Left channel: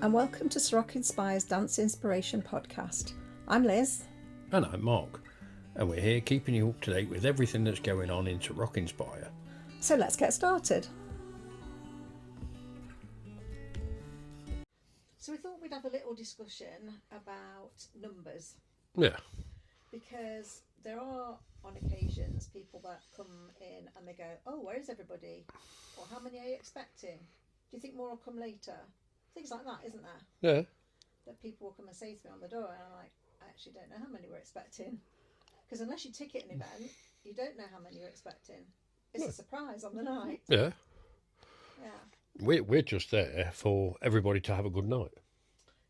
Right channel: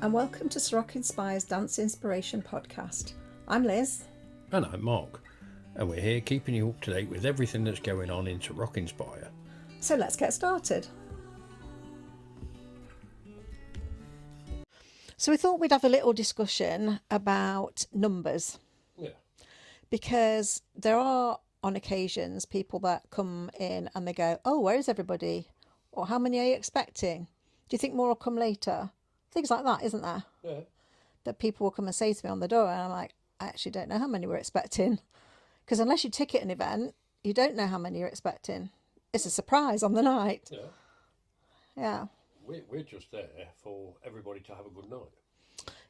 and welcome to Ceroc Inspire's Dance Inspiration podcast. I'm Liz. And I'm Mark, and we're here keeping you up to date with everything that's going on in Ceroc Inspire. So let's get started. So we thought we'd have a little discussion about numbers. Yeah. Because there are, on occasions, people that come in and they go, oh, where is everybody? Or how many are you expecting? Do you think more will come later? Things like that, isn't there? Yeah. That people will come and say to me on the door, and I'm like, I actually don't know how many we're expecting. Because unless you ticket an event, you don't know how many you're expecting. It's a surprise on the night. Yeah. Yeah. We're just there for everybody to have a good night.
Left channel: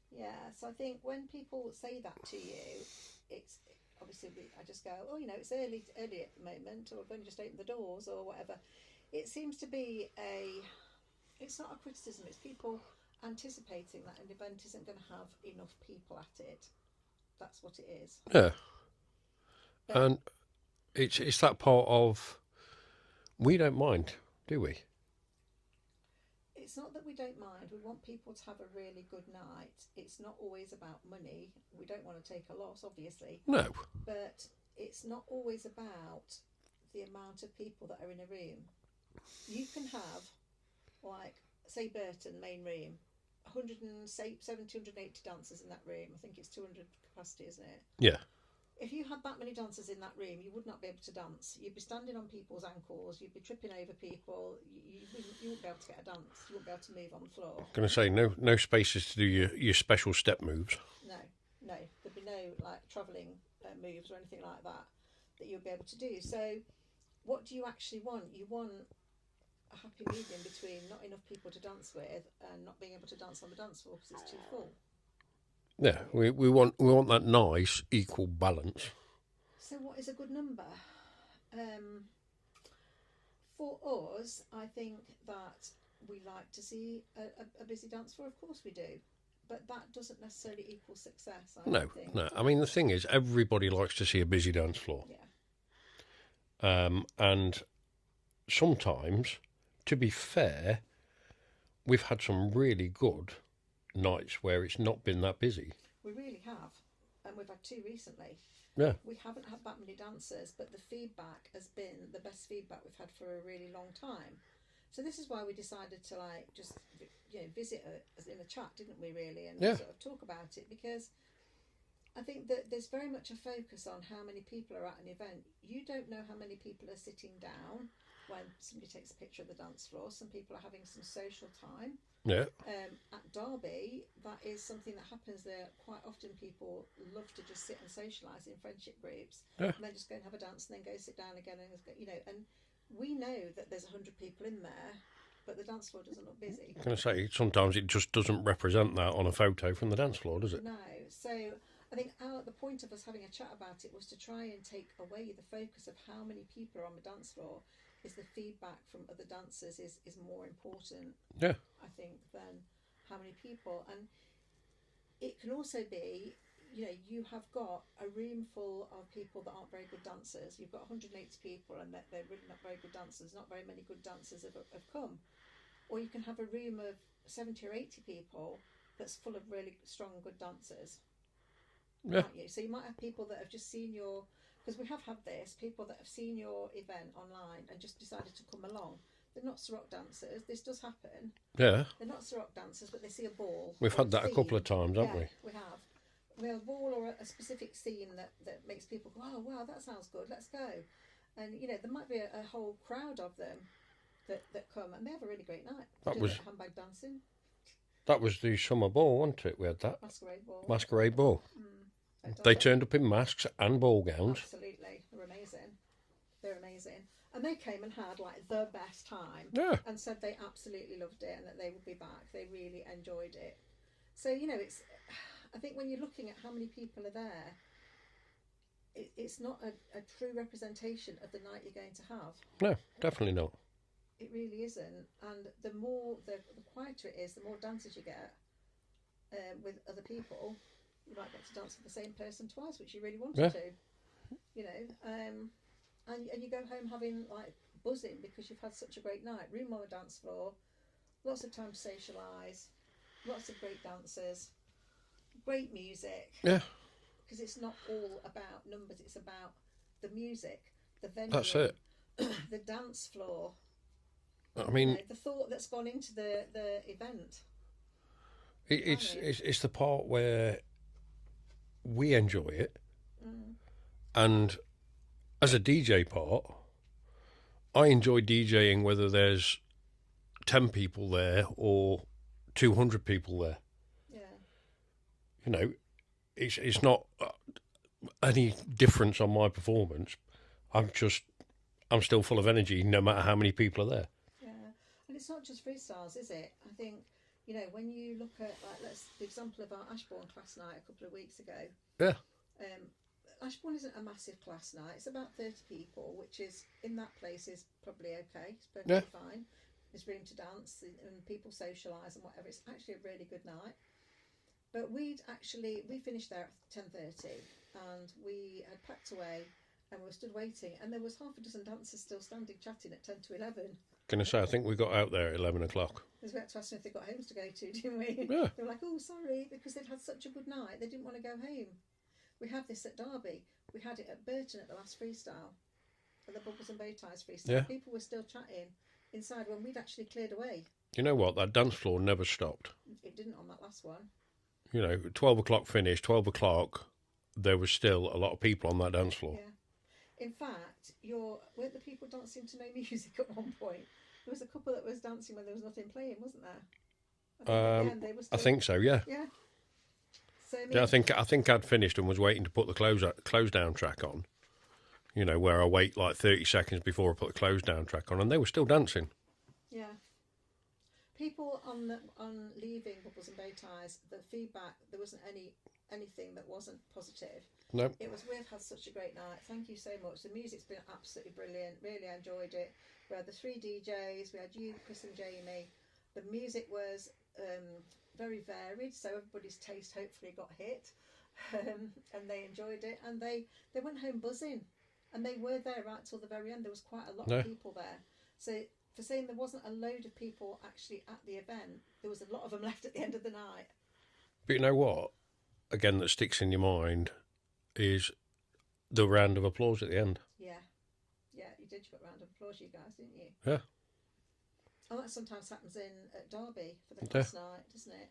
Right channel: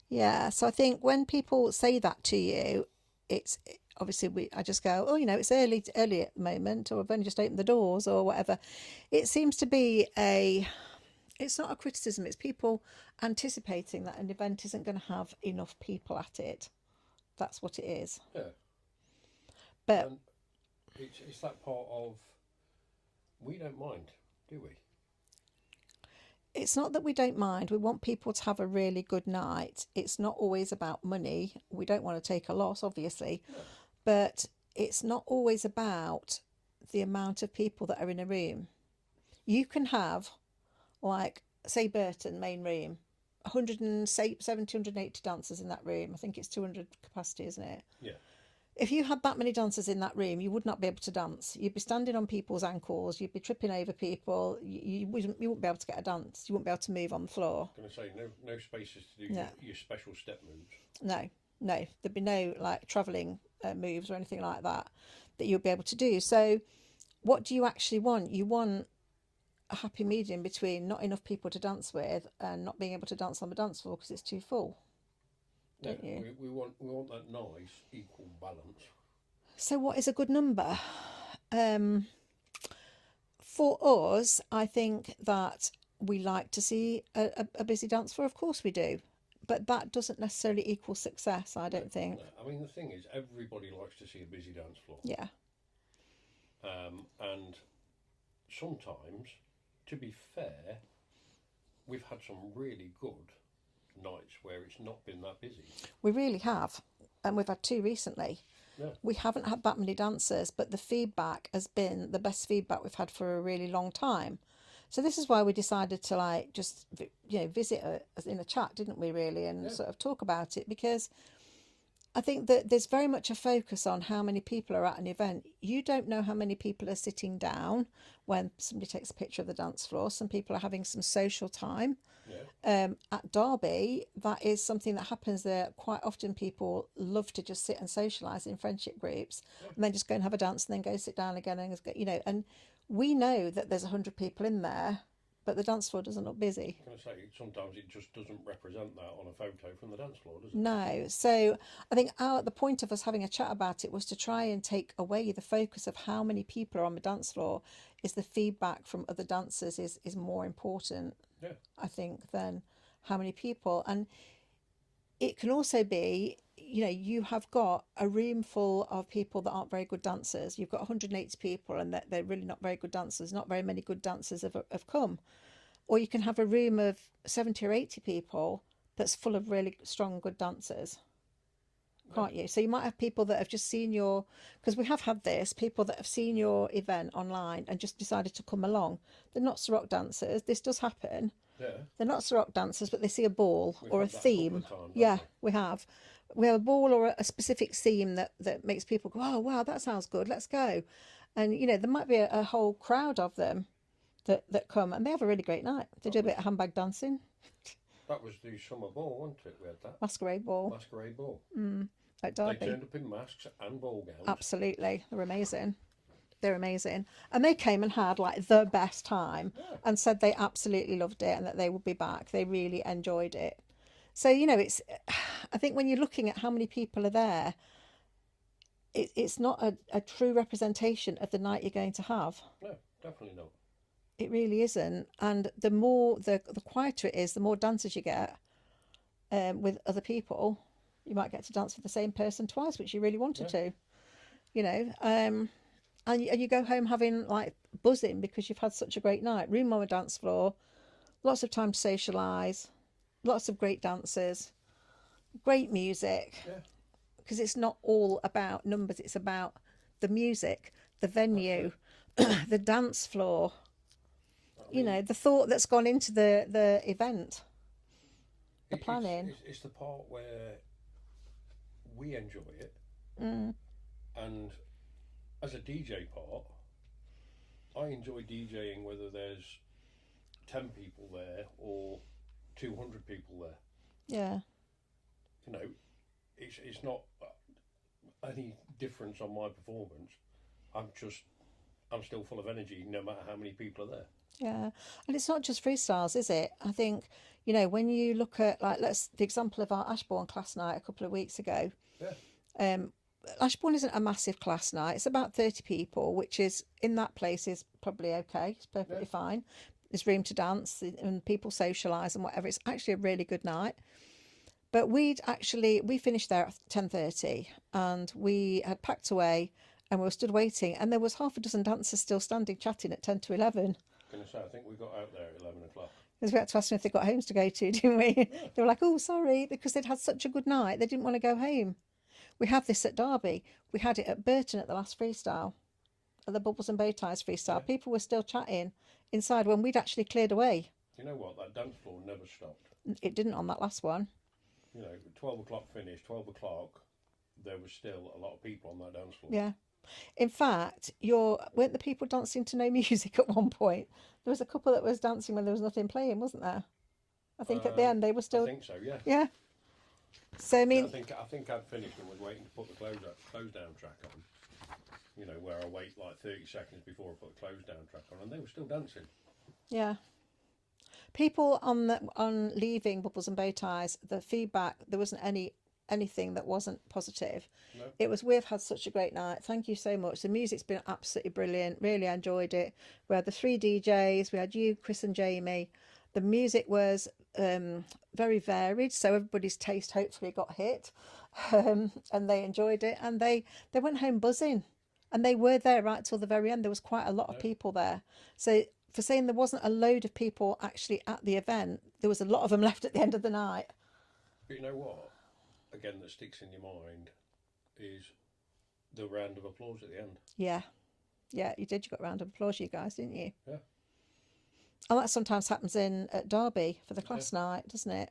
Yeah, so I think when people say that to you, it's obviously I just go, oh, it's early at the moment, or I've only just opened the doors or whatever. It seems to be it's not a criticism, it's people anticipating that an event isn't going to have enough people at it. That's what it is. Yeah. But and it's that part of, we don't mind, do we? it's not that we don't mind. We want people to have a really good night. It's not always about money. We don't want to take a loss, obviously. No. But it's not always about the amount of people that are in a room. You can have, like, say Burton, main room, 170, 180 dancers in that room. I think it's 200 capacity, isn't it? Yeah. If you had that many dancers in that room, you would not be able to dance. You'd be standing on people's ankles. You'd be tripping over people. You wouldn't be able to get a dance. You wouldn't be able to move on the floor. Going to say, no spaces to do your special step moves. No. There'd be no, like, travelling moves or anything like that you'll be able to do. So what do you actually want? You want a happy medium between not enough people to dance with and not being able to dance on the dance floor because it's too full. Yeah, we want that nice equal balance. So what is a good number? For us, I think that we like to see a busy dance floor. Of course we do. But that doesn't necessarily equal success, I don't think. No, I mean, the thing is, everybody likes to see a busy dance floor. Yeah. And sometimes, to be fair, we've had some really good nights where it's not been that busy. We really have. And we've had two recently. Yeah. We haven't had that many dancers, but the feedback has been the best feedback we've had for a really long time. So this is why we decided to just visit in a chat, didn't we, really, and sort of talk about it, because I think that there's very much a focus on how many people are at an event. You don't know how many people are sitting down when somebody takes a picture of the dance floor. Some people are having some social time. Yeah. At Derby, that is something that happens there. Quite often people love to just sit and socialise in friendship groups and then just go and have a dance and then go sit down again and we know that there's 100 people in there, but the dance floor doesn't look busy. I'm going to say, sometimes it just doesn't represent that on a photo from the dance floor, does it? No. So I think the point of us having a chat about it was to try and take away the focus of how many people are on the dance floor. Is the feedback from other dancers is more important, I think, than how many people. And it can also be, you have got a room full of people that aren't very good dancers. You've got 180 people and they're really not very good dancers. Not very many good dancers have come. Or you can have a room of 70 or 80 people that's full of really strong, good dancers. Aren't you? So you might have people that have just seen because we have had this, people that have seen your event online and just decided to come along. They're not Ceroc dancers. This does happen. Yeah. They're not Ceroc dancers, but they see a ball We've or had a that theme. a couple of times, haven't we? We have. We have a ball or a specific theme that makes people go, oh, wow, that sounds good, let's go. And, there might be a whole crowd of them that come and they have a really great night. They do a bit of handbag dancing. That was the summer ball, wasn't it? We had that. Masquerade ball. They turned up in masks and ball gowns. Absolutely. They're amazing. And they came and had the best time and said they absolutely loved it and that they would be back. They really enjoyed it. So, I think when you're looking at how many people are there, it's not a true representation of the night you're going to have. No, definitely not. It really isn't. And the more, the quieter it is, the more dancers you get with other people. You might get to dance with the same person twice, which you really wanted to, and you go home having buzzing because you've had such a great night. Room on a dance floor, lots of time to socialise, Lots of great dancers, great music. Yeah. Because it's not all about numbers, it's about the music, the venue, the dance floor. I mean, the thought that's gone into the event. It's the part where we enjoy it, and as a DJ part, I enjoy DJing whether there's 10 people there or 200 people there. Yeah. It's not any difference on my performance. I'm still full of energy no matter how many people are there. Yeah, and it's not just freestyles, is it? I think, when you look at, like, the example of our Ashbourne class night a couple of weeks ago. Yeah. Ashbourne isn't a massive class night. It's about 30 people, which is, in that place, is probably okay. It's perfectly fine. There's room to dance and people socialise and whatever. It's actually a really good night. But we finished there at 10:30 and we had packed away and we were stood waiting, and there was half a dozen dancers still standing chatting at 10 to 11. Going to say, I think we got out there at 11 o'clock. Because we had to ask them if they got homes to go to, didn't we? Yeah. They were like, oh, sorry, because they'd had such a good night. They didn't want to go home. We have this at Derby. We had it at Burton at the last freestyle, at the Bubbles and Bowties freestyle. Yeah. People were still chatting inside when we'd actually cleared away. You know what? That dance floor never stopped. It didn't on that last one. 12 o'clock finished, 12 o'clock, there was still a lot of people on that dance floor. Yeah. In fact, weren't the people dancing to no music at one point? There was a couple that was dancing when there was nothing playing, wasn't there? I think at the end they were still... I think so, yeah. Yeah. So, I mean... Yeah, I think I'd finished and was waiting to put the close down track on. Where I wait like 30 seconds before I put the close down track on, and they were still dancing. Yeah. People on leaving Bubbles and Bowties, the feedback, there wasn't anything that wasn't positive. No. It was, we've had such a great night. Thank you so much. The music's been absolutely brilliant. Really enjoyed it. We had the 3 DJs. We had you, Chris and Jamie. The music was very varied, so everybody's taste hopefully got hit. And they enjoyed it. And they went home buzzing. And they were there right till the very end. There was quite a lot of people there. So for saying there wasn't a load of people actually at the event, there was a lot of them left at the end of the night. But you know what? Again, that sticks in your mind is the round of applause at the end. Yeah. Yeah, you did. You got a round of applause, you guys, didn't you? Yeah. And that sometimes happens at Derby for the class night, doesn't it?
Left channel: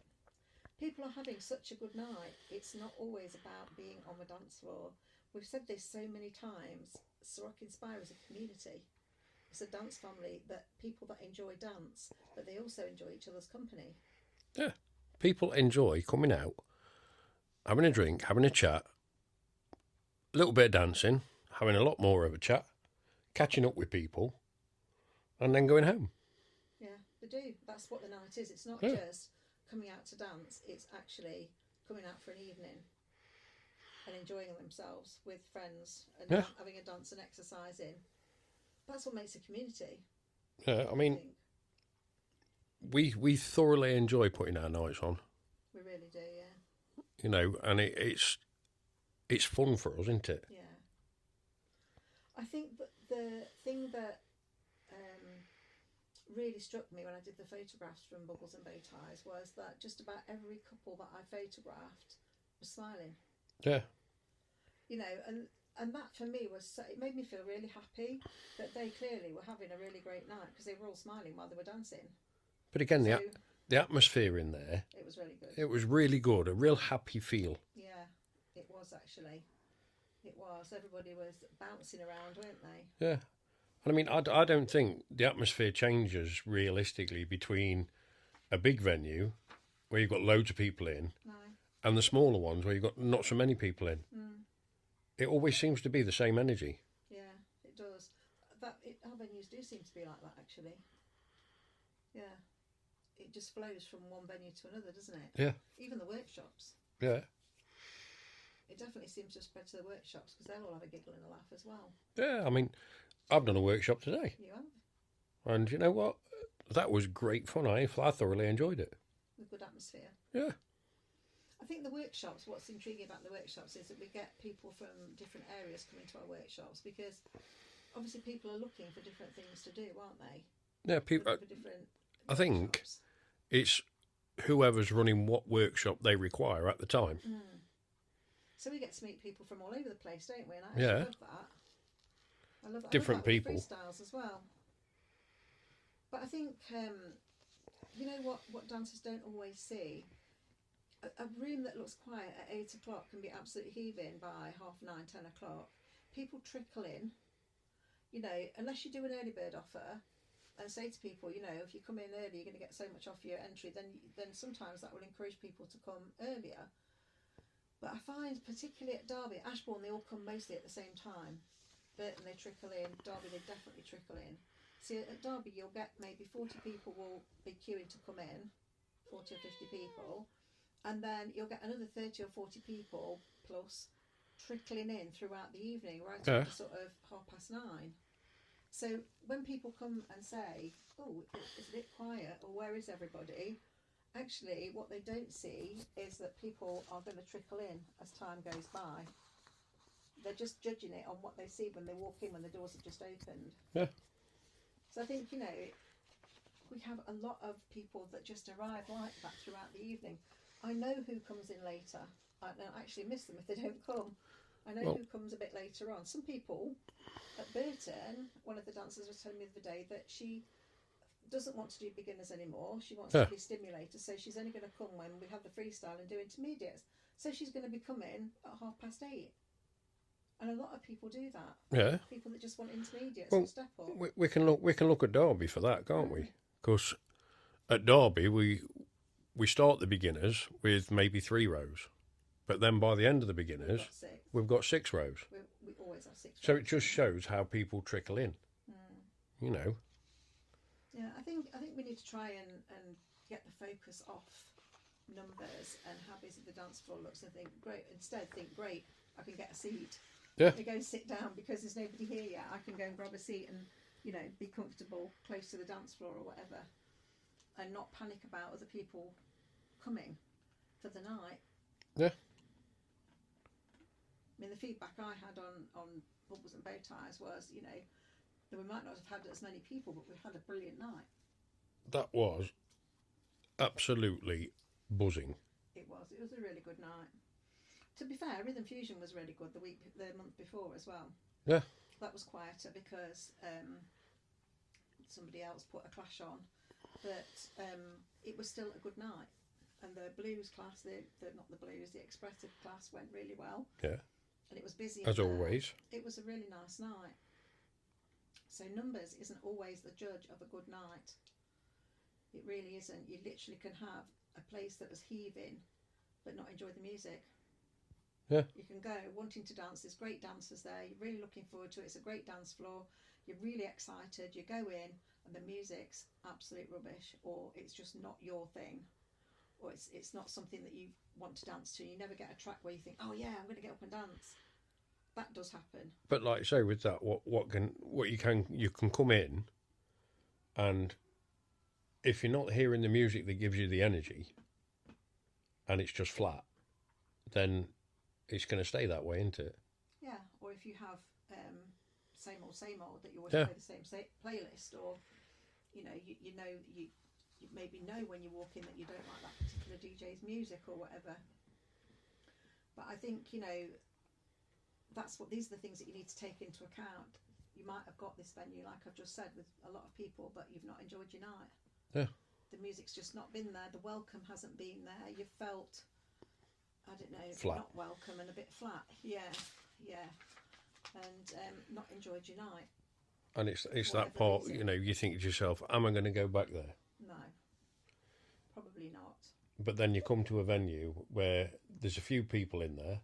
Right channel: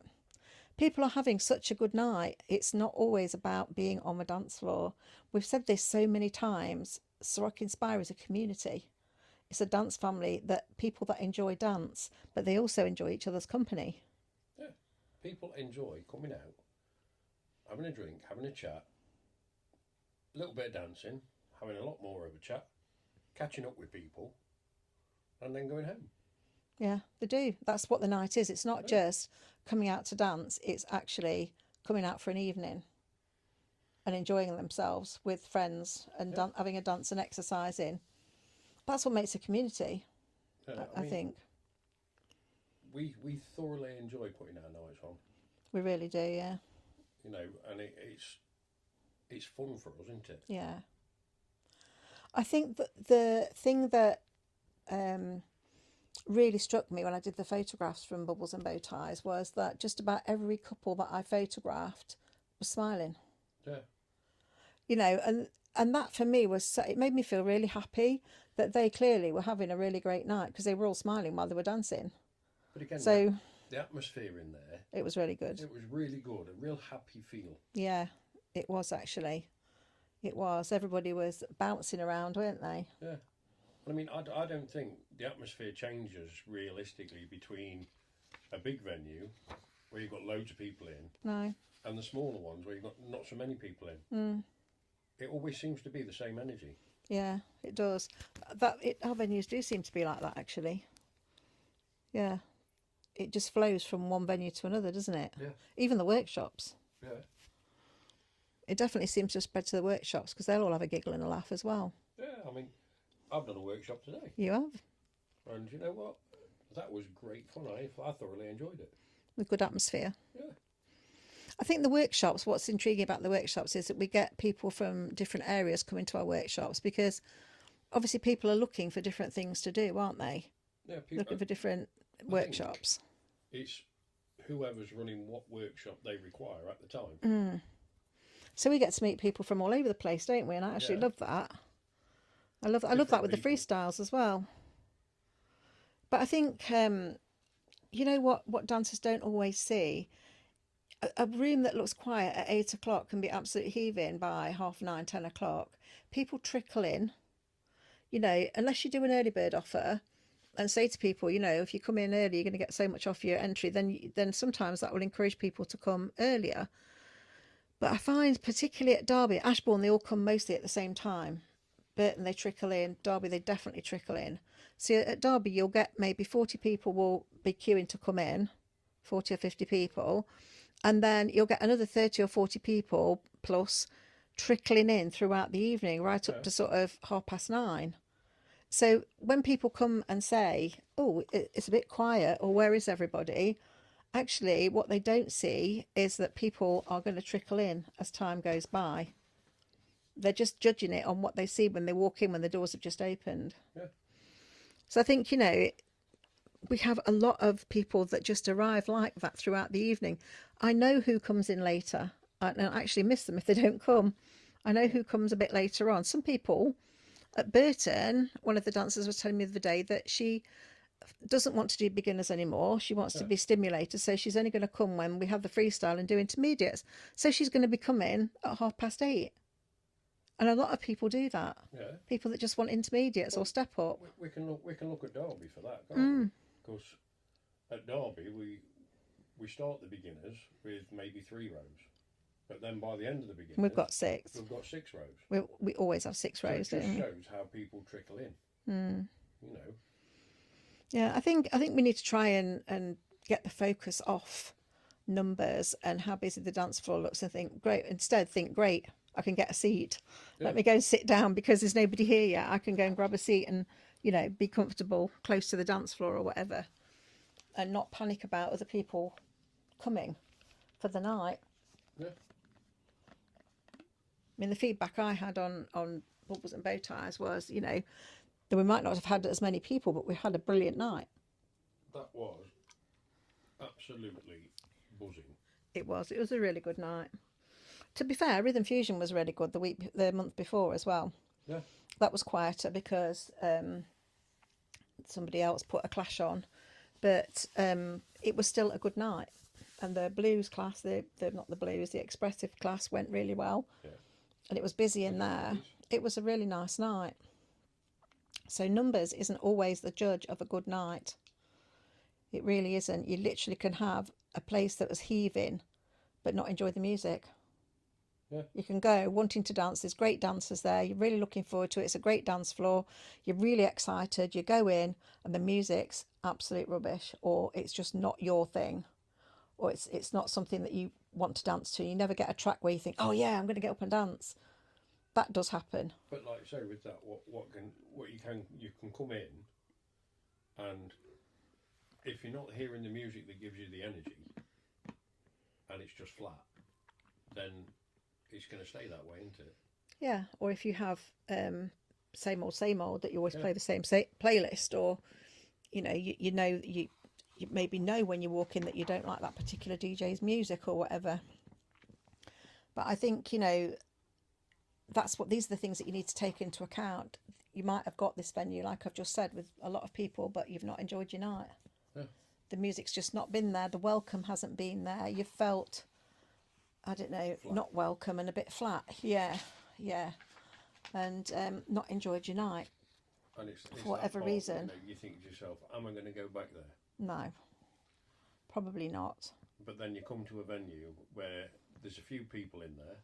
People are having such a good night. It's not always about being on the dance floor. We've said this so many times. Ceroc Inspire is a community. It's a dance family, that people that enjoy dance, but they also enjoy each other's company. Yeah. People enjoy coming out, having a drink, having a chat, a little bit of dancing, having a lot more of a chat, catching up with people, and then going home. Yeah, they do. That's what the night is. It's not just coming out to dance. It's actually coming out for an evening and enjoying themselves with friends and having a dance and exercising. That's what makes a community. Yeah, I think. We thoroughly enjoy putting our nights on. We really do, yeah. And it's fun for us, isn't it? Yeah. I think that the thing that really struck me when I did the photographs from Bubbles and Bowties was that just about every couple that I photographed was smiling. Yeah. And that for me it made me feel really happy that they clearly were having a really great night because they were all smiling while they were dancing. But again, the atmosphere in there... It was really good. It was really good, a real happy feel. Yeah, it was actually. It was. Everybody was bouncing around, weren't they? Yeah. And I mean, I don't think the atmosphere changes realistically between a big venue where you've got loads of people in and the smaller ones where you've got not so many people in. Mm. It always seems to be the same energy. Yeah, it does. Our venues do seem to be like that, actually. Yeah. It just flows from one venue to another, doesn't it? Yeah. Even the workshops. Yeah. It definitely seems to spread to the workshops because they'll all have a giggle and a laugh as well. Yeah, I mean, I've done a workshop today. You have? And you know what? That was great fun. I thoroughly enjoyed it. With good atmosphere. Yeah. I think the workshops, what's intriguing about the workshops is that we get people from different areas coming to our workshops because obviously people are looking for different things to do, aren't they? Yeah, people looking for different workshops. It's whoever's running what workshop they require at the time. So we get to meet people from all over the place, don't we? And I actually love that. I love that with people. the freestyles as well. But I think, you know what dancers don't always see? A room that looks quiet at 8 o'clock can be absolutely heaving by 9:30, 10 o'clock. People trickle in, you know, unless you do an early bird offer and say to people, you know, if you come in early, you're going to get so much off your entry, then sometimes that will encourage people to come earlier. But I find, particularly at Derby, Ashbourne, they all come mostly at the same time. Burton, they trickle in. Derby, they definitely trickle in. So at Derby, you'll get maybe 40 people will be queuing to come in, 40 or 50 people. And then you'll get another 30 or 40 people plus trickling in throughout the evening, right up to sort of 9:30. So when people come and say, oh, it's a bit quiet, or where is everybody? Actually, what they don't see is that people are going to trickle in as time goes by. They're just judging it on what they see when they walk in, when the doors have just opened. Yeah. So I think, you know, we have a lot of people that just arrive like that throughout the evening. I know who comes in later. I actually miss them if they don't come. I know who comes a bit later on. Some people at Burton, one of the dancers was telling me the other day that she doesn't want to do beginners anymore. She wants to be stimulated, so she's only going to come when we have the freestyle and do intermediates. So she's going to be coming at 8:30. And a lot of people do that. Yeah. People that just want intermediates or step up. We can look at Derby for that, can't we? Because at Derby we start the beginners with maybe 3 rows. But then by the end of the beginners, we've got 6. We've got 6 rows. We always have 6 rows. So it just shows how people trickle in. You know. Yeah, I think we need to try and get the focus off numbers and how busy the dance floor looks and think, great, I can get a seat. Let me go and sit down because there's nobody here yet. I can go and grab a seat and, you know, be comfortable close to the dance floor or whatever, and not panic about other people coming for the night. Yeah. I mean, the feedback I had on Bubbles and Bowties was, you know, that we might not have had as many people, but we had a brilliant night. That was absolutely buzzing. It was a really good night. To be fair, Rhythm Fusion was really good the month before as well. Yeah. That was quieter because somebody else put a clash on, but it was still a good night. And the blues class, the expressive class went really well. Yeah. And it was busy in there. Always. It was a really nice night. So numbers isn't always the judge of a good night. It really isn't. You literally can have a place that was heaving but not enjoy the music. Yeah. You can go wanting to dance. There's great dancers there. You're really looking forward to it. It's a great dance floor. You're really excited. You go in and the music's absolute rubbish, or it's just not your thing, or it's not something that you want to dance to. You never get a track where you think, oh yeah, I'm going to get up and dance. That does happen. But like I say, with that, you can come in, and if you're not hearing the music that gives you the energy, and it's just flat, then it's going to stay that way, isn't it? Yeah. Or if you have same old that you always play the same playlist, or you know you maybe know when you walk in that you don't like that particular DJ's music or whatever. But I think, you know, these are the things that you need to take into account. You might have got this venue, like I've just said, with a lot of people, but you've not enjoyed your night. Yeah. The music's just not been there. The welcome hasn't been there. You've felt, I don't know, flat. Not welcome and a bit flat. Yeah. And not enjoyed your night. And it's that part, reason. You know, you think to yourself, am I going to go back there? No, probably not. But then you come to a venue where there's a few people in there.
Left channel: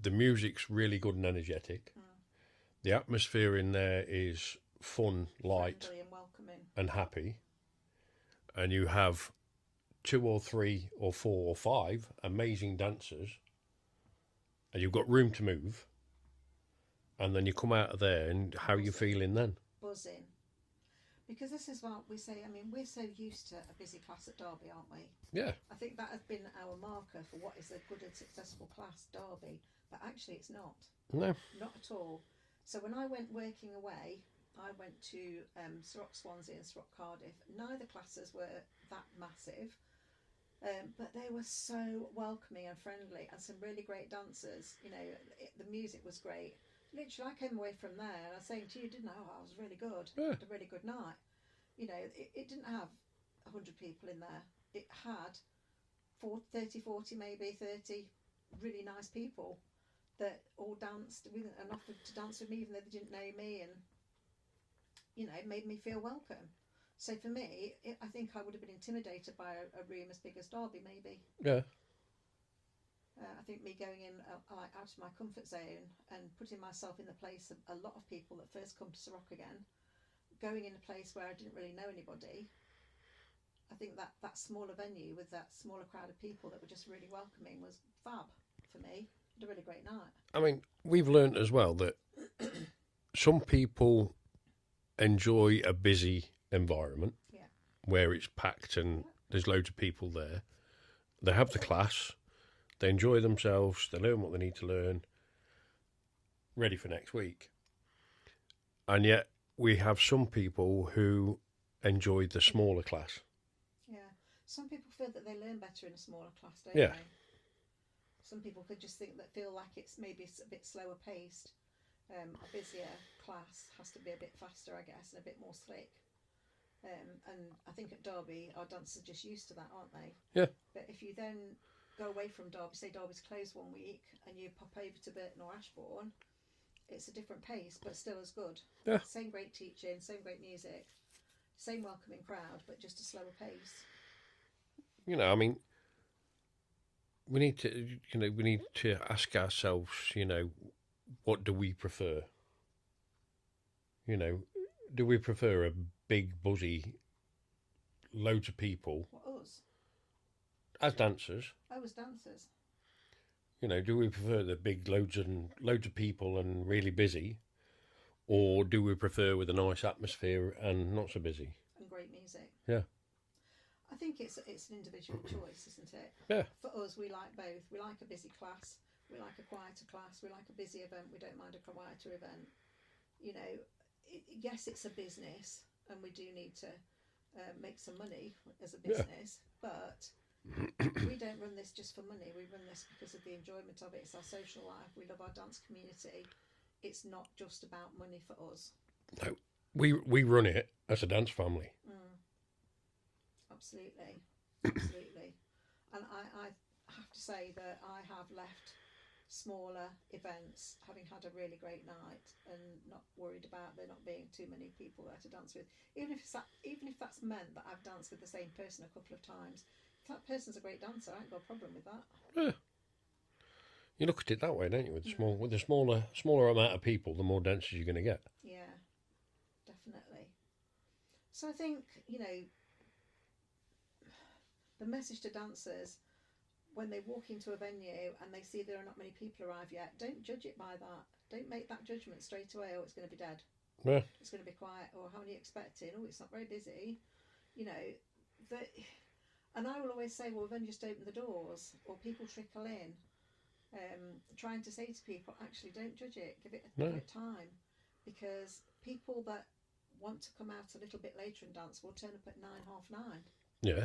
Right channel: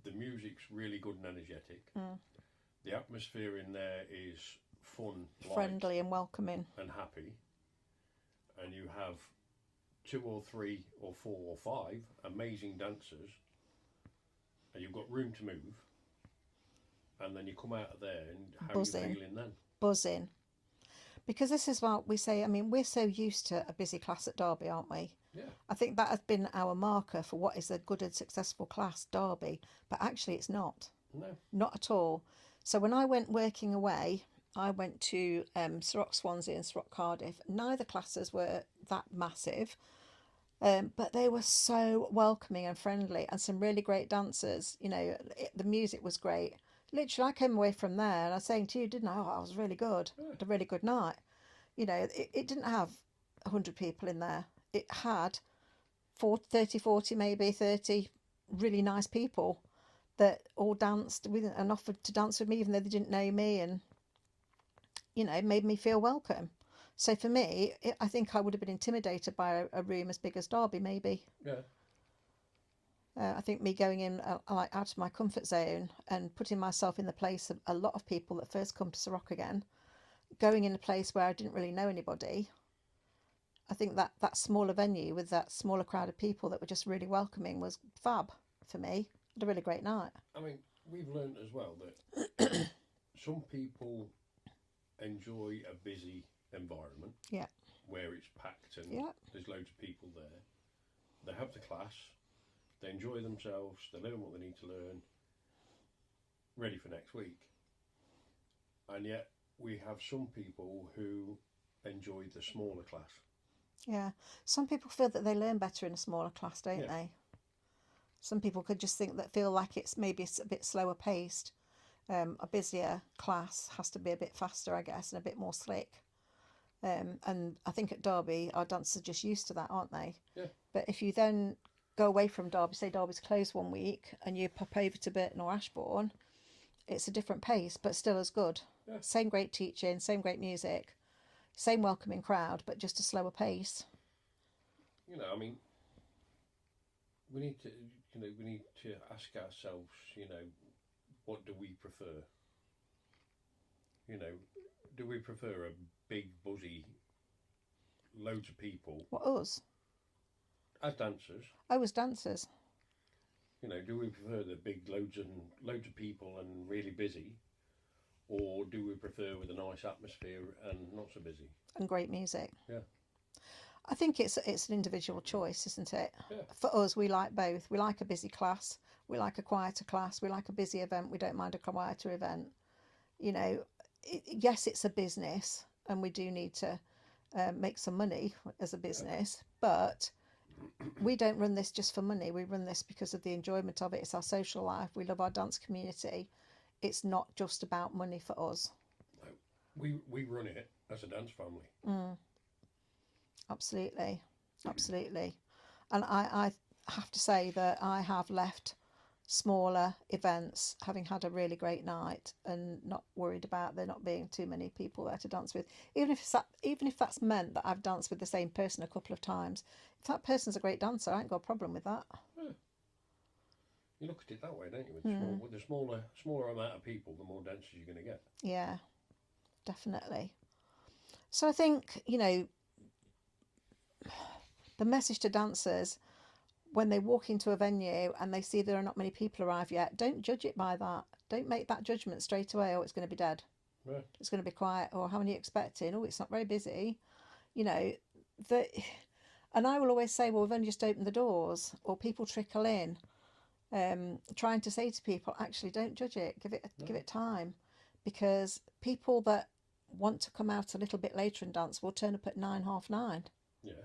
The music's really good and energetic. The atmosphere in there is fun, light, friendly and welcoming and happy. And you have 2 or 3 or 4 or 5 amazing dancers, and you've got room to move. And then you come out of there, and how are you feeling then? Buzzing. Because this is what we say, I mean, we're so used to a busy class at Derby, aren't we? Yeah. I think that has been our marker for what is a good and successful class, Derby. But actually it's not. No. Not at all. So when I went working away, I went to Ceroc Swansea and Ceroc Cardiff. Neither classes were that massive. But they were so welcoming and friendly, and some really great dancers. You know, the music was great. Literally, I came away from there and I was saying to you, didn't I? Oh, I was really good. Yeah. Had a really good night. You know, it didn't have 100 people in there. It had 30, 40, maybe 30 really nice people that all danced with and offered to dance with me, even though they didn't know me, and, you know, made me feel welcome. So for me, I think I would have been intimidated by a room as big as Derby, maybe. Yeah. I think me going in like out of my comfort zone and putting myself in the place of a lot of people that first come to Ceroc again, going in a place where I didn't really know anybody. I think that smaller venue with that smaller crowd of people that were just really welcoming was fab for me. I had a really great night. I mean, we've learned as well that some people enjoy a busy environment, yeah, where it's packed and there's loads of people there. They have the class, they enjoy themselves, they learn what they need to learn, ready for next week. And yet we have some people who enjoy the smaller class. Yeah, some people feel that they learn better in a smaller class, don't Yeah. they? Some people could just feel like it's maybe a bit slower paced. A busier class has to be a bit faster, I guess, and a bit more slick. And I think at Derby, our dancers are just used to that, aren't they? Yeah. But if you then go away from Derby, say Derby's closed one week, and you pop over to Burton or Ashbourne, it's a different pace, but still as good. Yeah. Same great teaching, same great music, same welcoming crowd, but just a slower pace. You know, I mean, we need to ask ourselves, you know, what do we prefer? You know, do we prefer a big, buzzy, loads of people? What, us? As dancers. I was dancers. You know, do we prefer the big loads of people and really busy? Or do we prefer with a nice atmosphere and not so busy? And great music. Yeah. I think it's an individual choice, isn't it? Yeah. For us, we like both. We like a busy class. We like a quieter class. We like a busy event. We don't mind a quieter event. You know, yes, it's a business, and we do need to make some money as a business, but we don't run this just for money. We run this because of the enjoyment of it. It's our social life. We love our dance community. It's not just about money for us. No, we run it as a dance family. Absolutely, absolutely. And I have to say that I have left smaller events having had a really great night and not worried about there not being too many people there to dance with. Even if that's meant that I've danced with the same person a couple of times. If that person's a great dancer, I ain't got a problem with that. Yeah. You look at it that way, don't you? With the smaller amount of people, the more dancers you're going to get. Yeah, definitely. So I think, you know, the message to dancers when they walk into a venue and they see there are not many people arrive yet, don't judge it by that. Don't make that judgment straight away. Oh, it's going to be dead. Yeah. It's going to be quiet. Or how many are you expecting? Oh, it's not very busy. You know, and I will always say, well, we've only just opened the doors, or people trickle in. Trying to say to people, actually, don't judge it. Give it time, because people that want to come out a little bit later and dance will turn up at 9, 9:30. Yeah.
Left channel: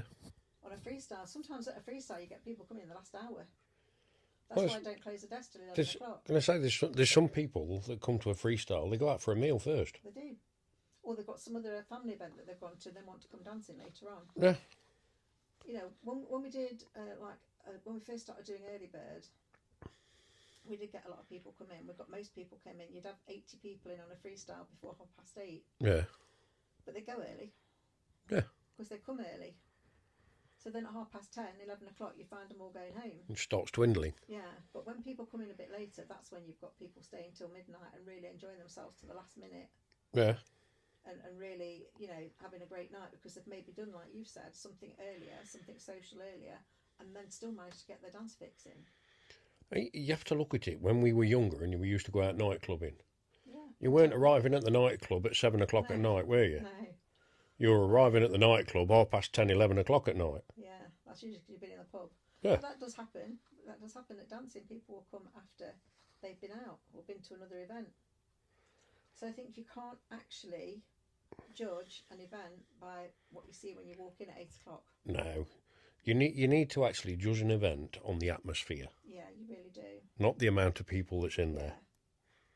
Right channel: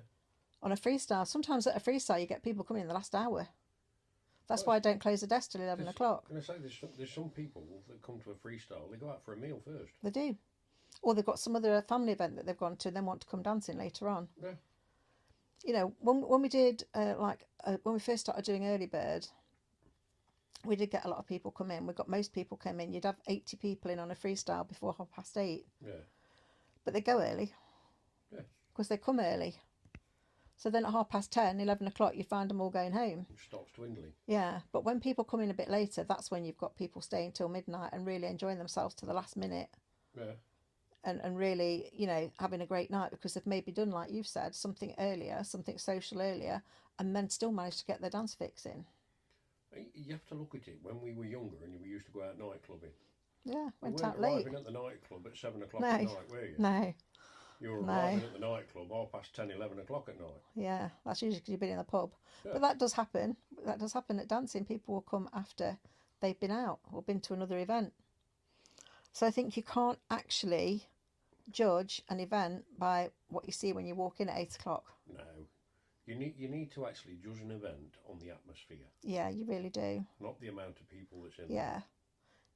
On a freestyle, sometimes at a freestyle you get people coming in the last hour. That's why I don't close the desk till 11 o'clock. I'm going to say there's some people that come to a freestyle, they go out for a meal first. They do, or they've got some other family event that they've gone to and then want to come dancing later on. Yeah. You know, when we did when we first started doing early bird, we did get a lot of people come in. We got most people come in. You'd have 80 people in on a freestyle before 8:30. Yeah. But they go early. Yeah. Because they come early. So then at 10:30, 11 o'clock, you find them all going home. It starts dwindling. Yeah, but when people come in a bit later, that's when you've got people staying till midnight and really enjoying themselves to the last minute. Yeah. And really, you know, having a great night because they've maybe done, like you've said, something earlier, something social earlier, and then still managed to get their dance fix in. You have to look at it. When we were younger and we used to go out nightclubbing, yeah, you weren't arriving at the nightclub at 7 o'clock at night, were you? No. You were arriving at the nightclub 10:30, 11 o'clock at night. Yeah, that's usually because you've been in the pub. Yeah. But that does happen. That does happen at dancing. People will come after they've been out or been to another event. So I think you can't actually judge an event by what you see when you walk in at 8 o'clock. No. You need to actually judge an event on the atmosphere. Yeah, you really do. Not the amount of people that's in there. Yeah.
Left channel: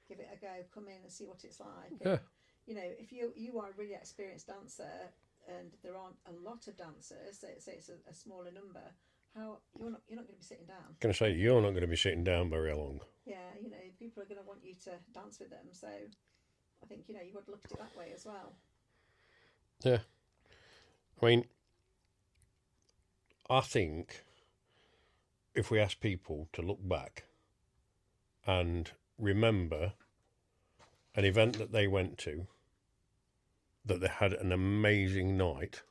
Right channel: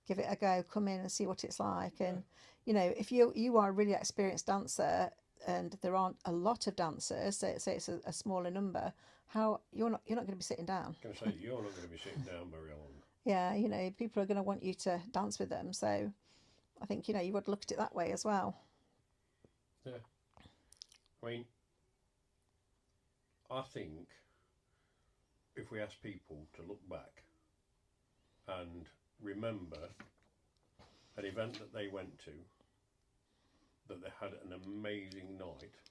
Give it a go. Come in and see what it's like. And, Yeah. you know, if you are a really experienced dancer and there aren't a lot of dancers, say it's a smaller number, how you're not going to be sitting down. I'm going to say you're not going to be sitting down very long. Yeah, you know, people are going to want you to dance with them. So I think, you know, you would look at it that way as well. Yeah. I mean, I think if we ask people to look back and remember an event that they went to, that they had an amazing night,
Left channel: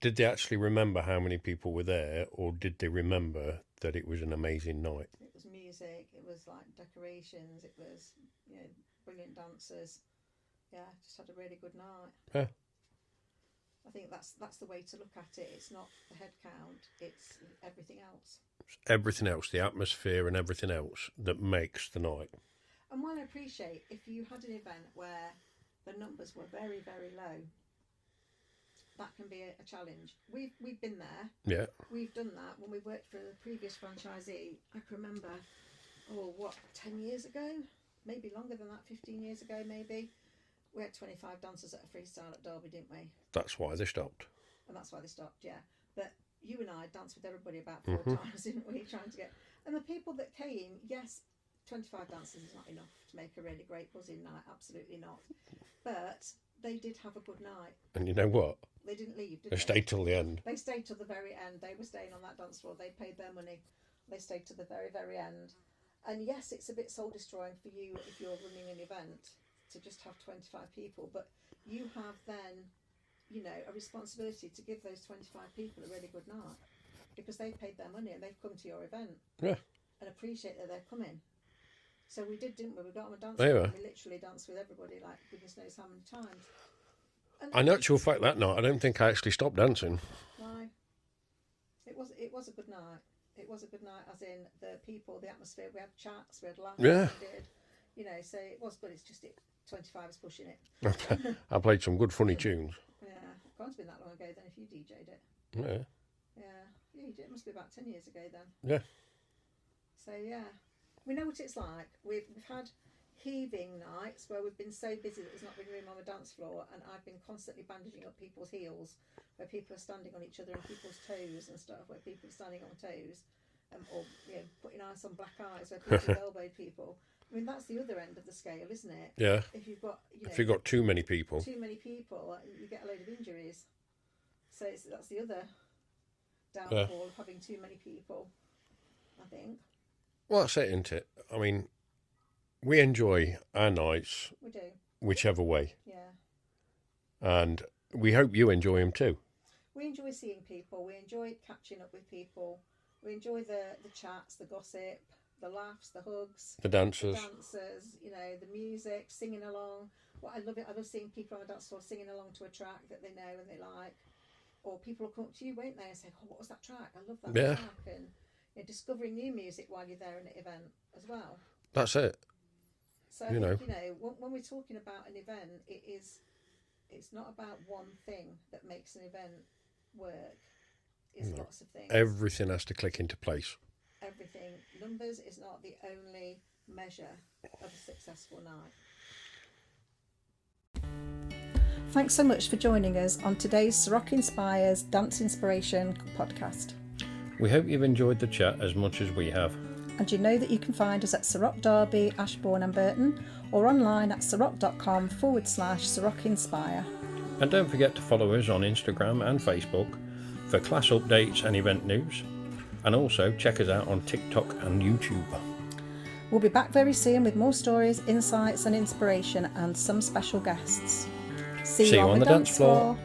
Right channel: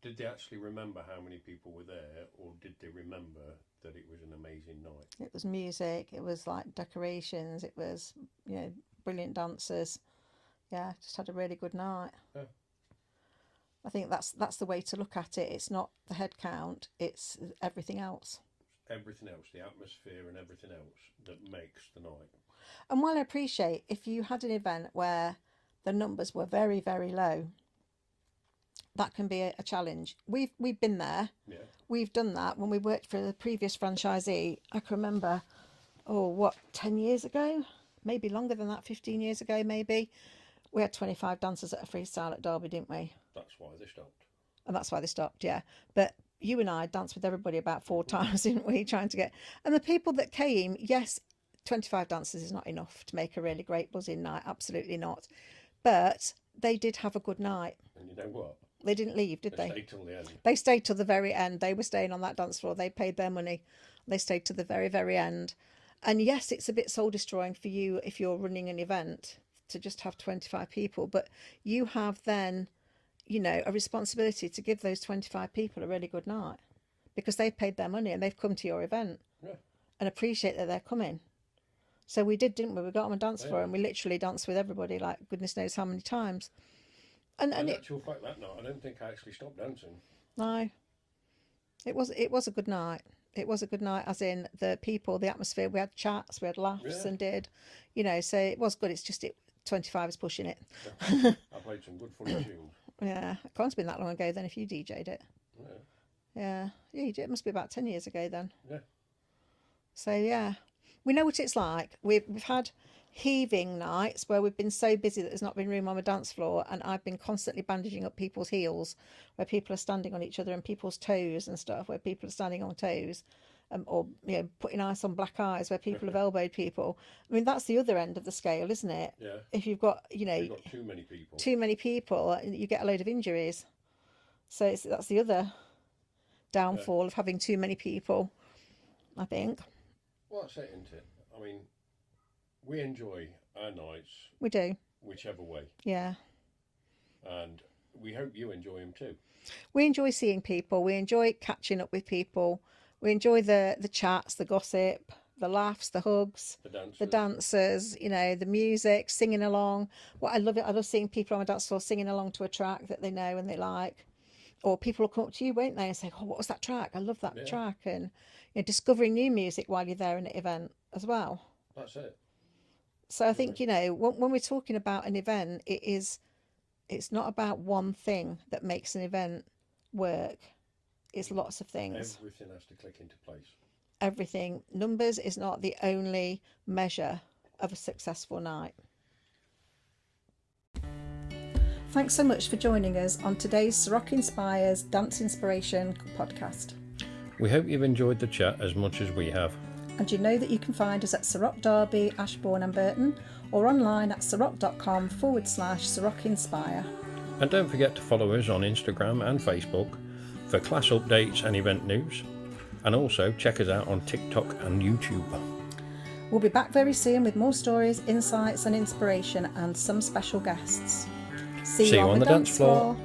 did they actually remember how many people were there, or did they remember that it was an amazing night? It was music, it was like decorations, it was, you know, brilliant dancers. Yeah, just had a really good night. Yeah. I think that's the way to look at it. It's not the head count, it's everything else. Everything else, the atmosphere and everything else that makes the night. And while I appreciate if you had an event where the numbers were very, very low, that can be a challenge. We've been there. Yeah. We've done that when we worked for the previous franchisee. I can remember, 10 years ago? Maybe longer than that, 15 years ago maybe. We had 25 dancers at a freestyle at Derby, didn't we? That's why they stopped. And that's why they stopped, yeah. But you and I danced with everybody about 4 times, didn't we? Trying to get... And the people that came, yes, 25 dancers is not enough to make a really great buzzing night. Absolutely not. But they did have a good night. And you know what? They didn't leave, did they? They stayed till the end. They stayed till the very end. They were staying on that dance floor. They paid their money. They stayed to the very, very end. And yes, it's a bit soul destroying for you if you're running an event to just have 25 people. But you have then, you know, a responsibility to give those 25 people a really good night because they've paid their money and they've come to your event. Yeah. And appreciate that they're coming. So we did, didn't we? We got on a dance floor and we literally danced with everybody like goodness knows how many times. And in actual fact, that night, I don't think I actually stopped dancing. No. It was a good night. It was a good night, as in the people, the atmosphere. We had chats, we had laughs and you know, so it was good. It's just 25 is pushing it. I played some good funny tunes. Yeah. It can't have been that long ago then if you DJ'd it. Yeah. Yeah. Yeah, you did. It must be about 10 years ago then. Yeah. So, yeah. We know what it's like. We've had heaving nights where we've been so busy that there's not been room on the dance floor, and I've been constantly bandaging up people's heels where people are standing on each other and people's toes and stuff where people are standing on toes, or you know, putting ice on black eyes where people have elbowed people. I mean, that's the other end of the scale, isn't it? Yeah. If you've got, you know, if you've got too many people, you get a load of injuries. So that's the other downfall of having too many people, I think. Well, that's it, isn't it? I mean, we enjoy our nights. We do. Whichever way. Yeah. And we hope you enjoy them too. We enjoy seeing people. We enjoy catching up with people. We enjoy the chats, the gossip, the laughs, the hugs. The dancers, you know, the music, singing along. What I love seeing people on a dance floor singing along to a track that they know and they like. Or people will come up to you, won't they, and say, "Oh, what was that track? I love that track." And you know, discovering new music while you're there in an event as well. That's it. So I think, you know, when we're talking about an event, it's not about one thing that makes an event work. It's lots of things. Everything has to click into place. Everything. Numbers is not the only measure of a successful night. Thanks so much for joining us on today's Ceroc Inspire's Dance Inspiration podcast. We hope you've enjoyed the chat as much as we have. And you know that you can find us at Ceroc Derby, Ashbourne and Burton, or online at ceroc.com/Ceroc Inspire. And don't forget to follow us on Instagram and Facebook for class updates and event news. And also check us out on TikTok and YouTube. We'll be back very soon with more stories, insights and inspiration and some special guests. See you on the dance floor.